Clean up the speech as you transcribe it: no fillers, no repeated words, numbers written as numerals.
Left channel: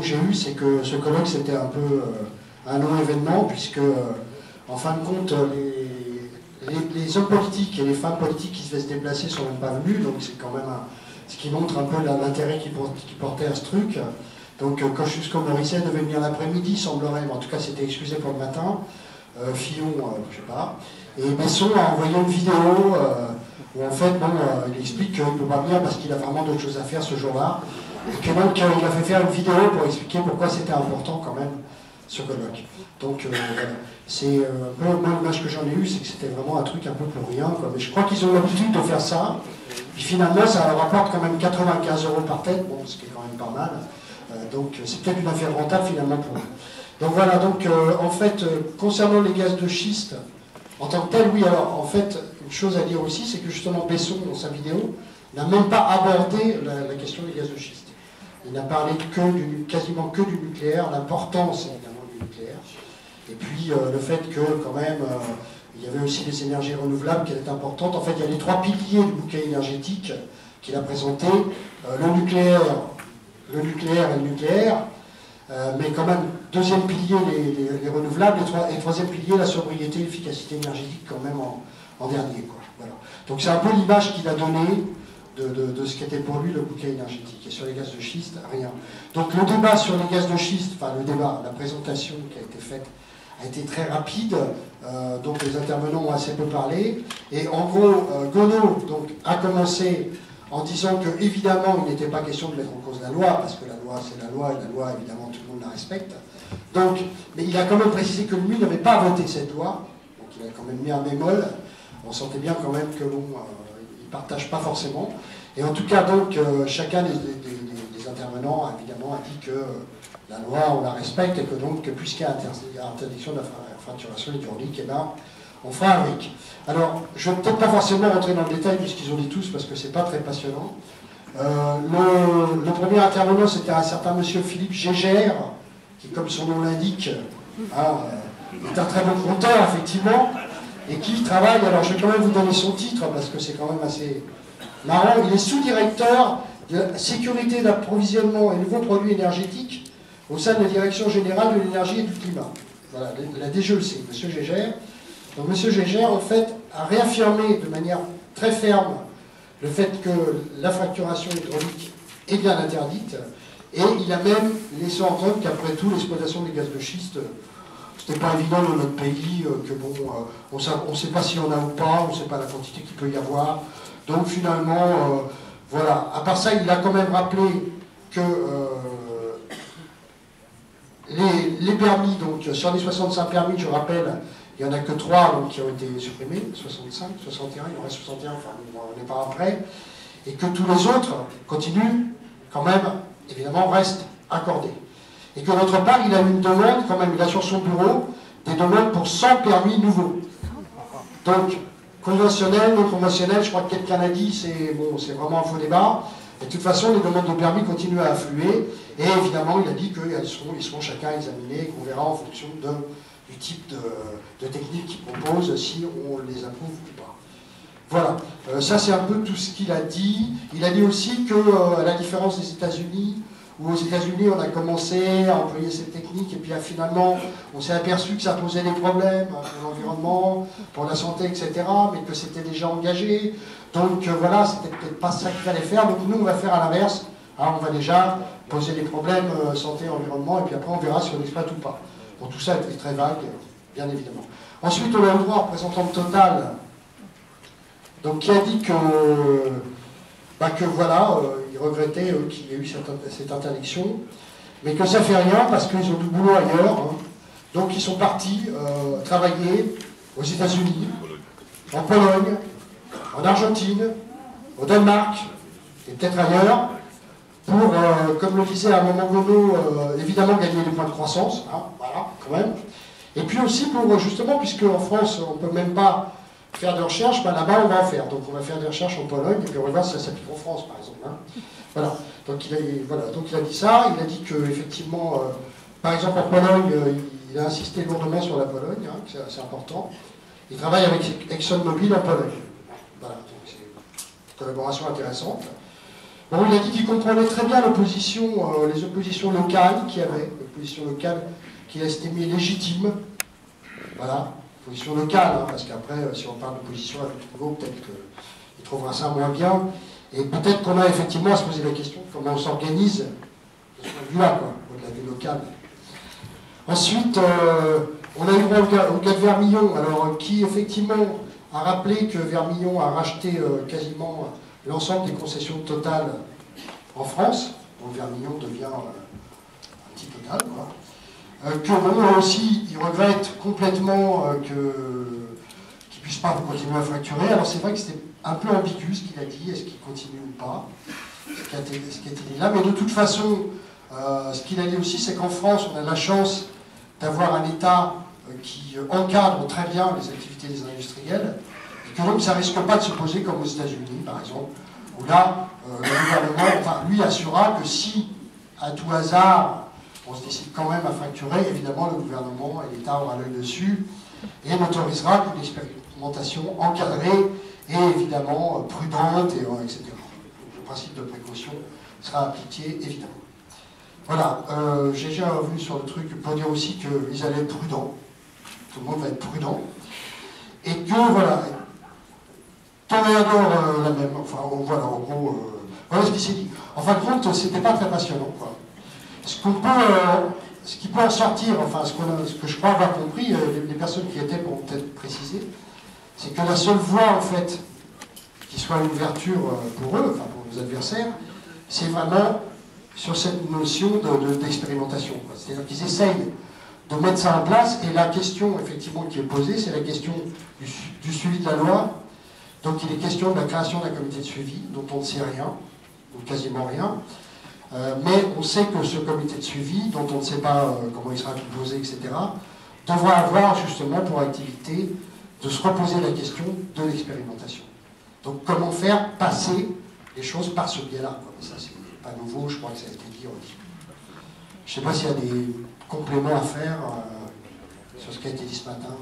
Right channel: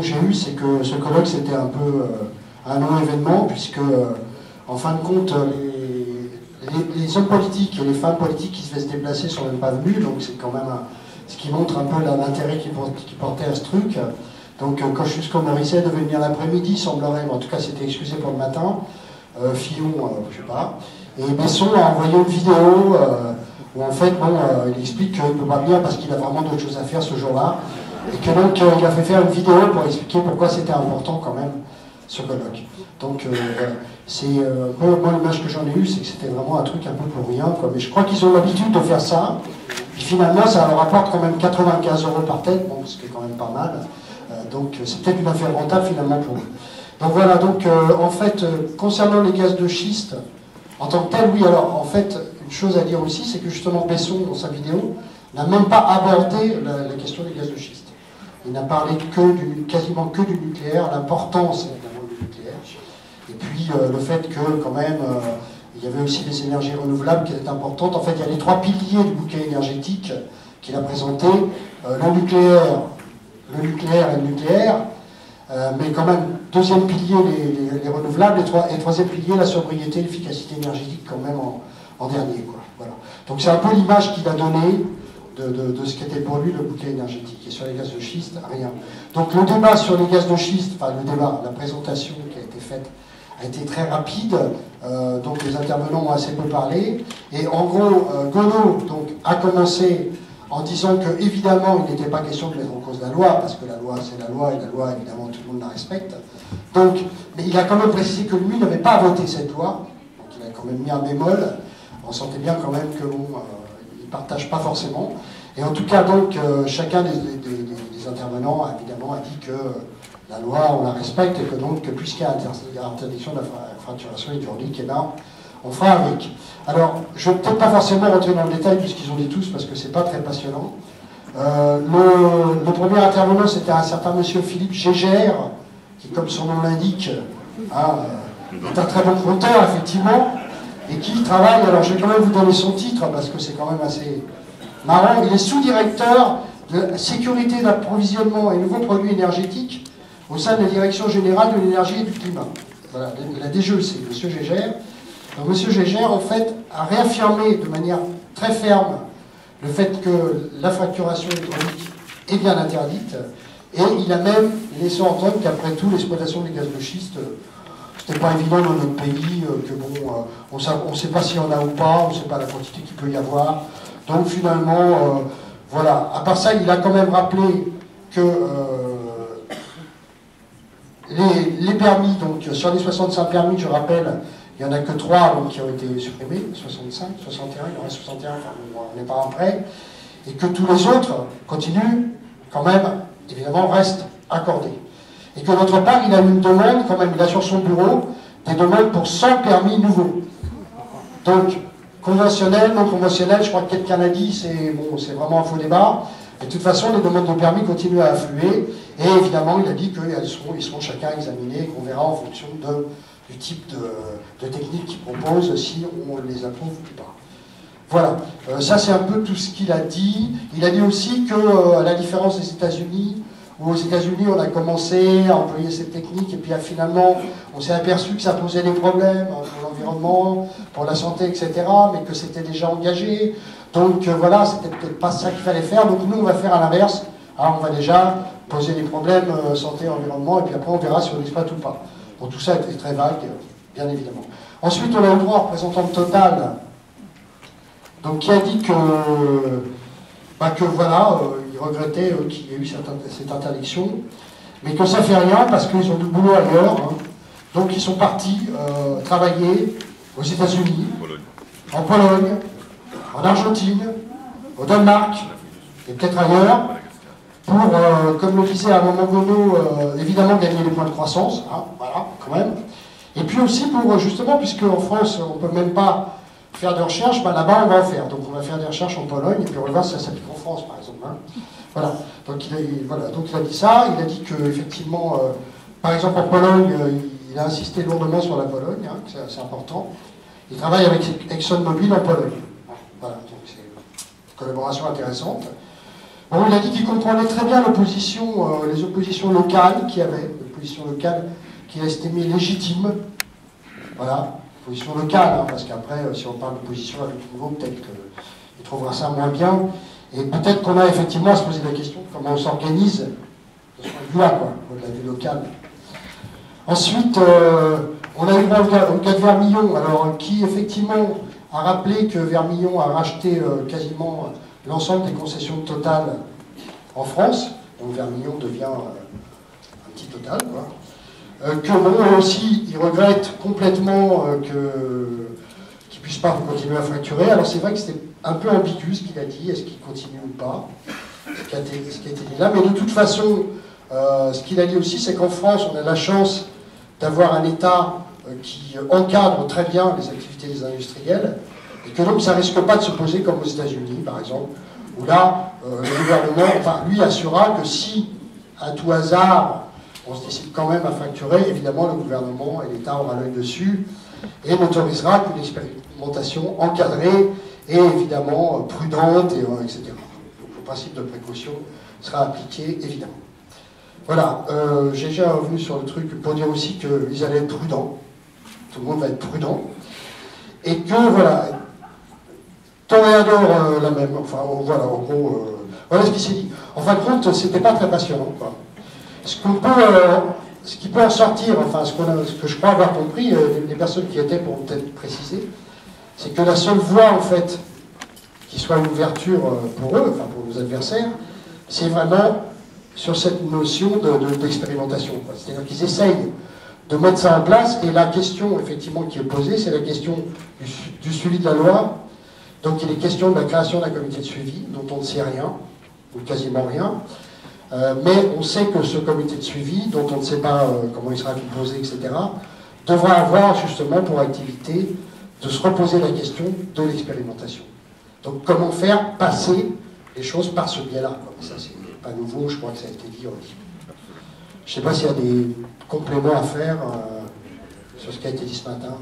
que j'ai eue, c'est que ce colloque c'était un peu un non-événement, puisque en fin de compte, les hommes politiques et les femmes politiques qui devaient se déplacer ne sont même pas venus, donc c'est quand même ce qui montre un peu l'intérêt qu'ils portaient à ce truc. Donc Kosciusko-Morizet devait venir l'après-midi, semblerait, mais en tout cas c'était excusé pour le matin. Fillon, je sais pas. Et Besson a envoyé une vidéo où en fait, il explique qu'il ne peut pas venir parce qu'il a vraiment d'autres choses à faire ce jour-là. Et que donc il a fait faire une vidéo pour expliquer pourquoi c'était important quand même ce colloque. Donc c'est moi l'image que j'en ai eue, c'est que c'était vraiment un truc un peu pour rien, quoi. Mais je crois qu'ils ont l'habitude de faire ça. Et finalement, ça leur rapporte quand même 95 € par tête, bon, ce qui est quand même pas mal. Donc c'est peut-être une affaire rentable finalement pour eux. Donc voilà, donc en fait, concernant les gaz de schiste, en tant que tel, oui, alors en fait, une chose à dire aussi, c'est que justement Besson, dans sa vidéo, n'a même pas abordé la question des gaz de schiste. Il n'a parlé quasiment que du nucléaire, l'importance évidemment du nucléaire, et puis le fait que quand même, il y avait aussi des énergies renouvelables qui étaient importantes. En fait, il y a les 3 piliers du bouquet énergétique qu'il a présenté, le nucléaire et le nucléaire, mais quand même, deuxième pilier, les renouvelables, et troisième pilier, la sobriété, l'efficacité énergétique quand même en dernier, quoi. Voilà. Donc c'est un peu l'image qu'il a donnée de ce qu'était pour lui le bouquet énergétique. Et sur les gaz de schiste, rien. Donc le débat sur les gaz de schiste, enfin le débat, la présentation qui a été faite, a été très rapide, donc les intervenants ont assez peu parlé, et en gros, Gonod donc, a commencé en disant que évidemment il n'était pas question de mettre en cause la loi, parce que la loi c'est la loi, et la loi évidemment tout le monde la respecte. Donc, mais il a quand même précisé que lui n'avait pas voté cette loi, donc il a quand même mis un bémol. On sentait bien quand même que bon, il ne partage pas forcément. Et en tout cas donc chacun des intervenants évidemment a dit que la loi on la respecte et que donc puisqu'il y a interdiction de la fracturation hydraulique, et ben on fera avec. Alors, je ne vais peut-être pas forcément rentrer dans le détail puisqu'ils ont dit tous parce que c'est pas très passionnant. Le premier intervenant, c'était un certain monsieur Philippe Gégère, qui, comme son nom l'indique, est un très bon conteur, effectivement, et qui travaille, alors je vais quand même vous donner son titre parce que c'est quand même assez marrant, il est sous-directeur de la sécurité d'approvisionnement et nouveaux produits énergétiques au sein de la Direction Générale de l'Énergie et du Climat. Voilà, la DGEC, monsieur Gégère. Donc, M. Gégère, en fait, a réaffirmé de manière très ferme le fait que la fracturation hydraulique est bien interdite, et il a même laissé entendre qu'après tout, l'exploitation des gaz de schiste, c'était pas évident dans notre pays, que bon, on ne sait pas s'il y en a ou pas, on ne sait pas la quantité qu'il peut y avoir. Donc finalement, voilà. À part ça, il a quand même rappelé que les permis, donc sur les 65 permis, je rappelle, il n'y en a que 3 donc, qui ont été supprimés, 65, 61, il y en a 61, enfin on n'est pas après, et que tous les autres continuent, quand même, évidemment, restent accordés. Et que d'autre part, il a une demande, quand même, il a sur son bureau des demandes pour 100 permis nouveaux. Donc, conventionnel, non conventionnel, je crois que quelqu'un l'a dit, c'est bon, vraiment un faux débat. Et de toute façon, les demandes de permis continuent à affluer, et évidemment, il a dit qu'ils seront chacun examinés, et qu'on verra en fonction du type de technique qu'ils proposent, si on les approuve ou pas. Voilà, ça c'est un peu tout ce qu'il a dit. Il a dit aussi que, à la différence des États-Unis, où aux États-Unis on a commencé à employer cette technique, et puis finalement on s'est aperçu que ça posait des problèmes pour l'environnement, pour la santé, etc., mais que c'était déjà engagé. Donc voilà, c'était peut-être pas ça qu'il fallait faire. Donc nous on va faire à l'inverse. Alors, on va déjà poser des problèmes santé, environnement, et puis après on verra si on exploite ou pas. Bon, tout ça est très vague, bien évidemment. Ensuite, on a le droit au représentant de Total, donc, qui a dit que voilà, il regrettait qu'il y ait eu cette interdiction, mais que ça fait rien parce qu'ils ont du boulot ailleurs. Hein. Donc, ils sont partis travailler aux États-Unis, en Pologne, en Argentine, au Danemark, et peut-être ailleurs, pour, comme le disait à un moment donné, évidemment gagner des points de croissance, hein, voilà, quand même. Et puis aussi pour, justement, puisque en France, on ne peut même pas faire de recherche, ben là-bas, on va en faire. Donc on va faire des recherches en Pologne, et puis on va voir si ça s'applique en France, par exemple. Hein. Voilà. Donc il a dit ça, il a dit qu'effectivement, par exemple en Pologne, il a insisté lourdement sur la Pologne, hein, que c'est important. Il travaille avec ExxonMobil en Pologne. Voilà, donc c'est une collaboration intéressante. Bon, il a dit qu'il comprenait très bien l'opposition, les oppositions locales qu'il y avait, l'opposition locale qu'il estimait légitime. Voilà, opposition locale, hein, parce qu'après, si on parle d'opposition à tout niveau, peut-être qu'il trouvera ça moins bien. Et peut-être qu'on a effectivement à se poser la question de comment on s'organise de ce point de vue-là, quoi, au-delà du local. Ensuite, on a eu le cas de Vermillon, alors, qui effectivement a rappelé que Vermillon a racheté quasiment l'ensemble des concessions de Total en France. Donc Vermillon devient un petit Total, quoi. Que bon, aussi, il regrette complètement qu'il ne puisse pas continuer à facturer. Alors c'est vrai que c'était un peu ambigu ce qu'il a dit, est-ce qu'il continue ou pas, ce qui a été dit là. Mais de toute façon, ce qu'il a dit aussi, c'est qu'en France, on a la chance d'avoir un État qui encadre très bien les activités des industriels, et que donc ça ne risque pas de se poser comme aux États-Unis, par exemple, où là, le gouvernement, enfin, lui assurera que si, à tout hasard, on se décide quand même à facturer, évidemment, le gouvernement et l'État aura l'œil dessus et n'autorisera qu'une expérimentation encadrée et évidemment prudente, etc. Donc le principe de précaution sera appliqué, évidemment. Voilà, j'ai déjà revenu sur le truc pour dire aussi qu'ils allaient être prudents. Tout le monde va être prudent. Et que, voilà, Toréador la même, enfin, voilà, en gros, voilà ce qui s'est dit. En fin de compte, c'était pas très passionnant, quoi. Ce qui peut en sortir, enfin, ce que je crois avoir compris, les personnes qui étaient pourront peut-être préciser, c'est que la seule voie, en fait, qui soit une ouverture pour eux, enfin, pour nos adversaires, c'est vraiment sur cette notion d'expérimentation. C'est-à-dire qu'ils essayent de mettre ça en place, et la question, effectivement, qui est posée, c'est la question du suivi de la loi. Donc, il est question de la création d'un comité de suivi, dont on ne sait rien, ou quasiment rien. Mais on sait que ce comité de suivi, dont on ne sait pas comment il sera composé, etc., devra avoir justement pour activité de se reposer la question de l'expérimentation. Donc comment faire passer les choses par ce biais-là. Ça, c'est pas nouveau, je crois que ça a été dit aussi. Je ne sais pas s'il y a des compléments à faire sur ce qui a été dit ce matin.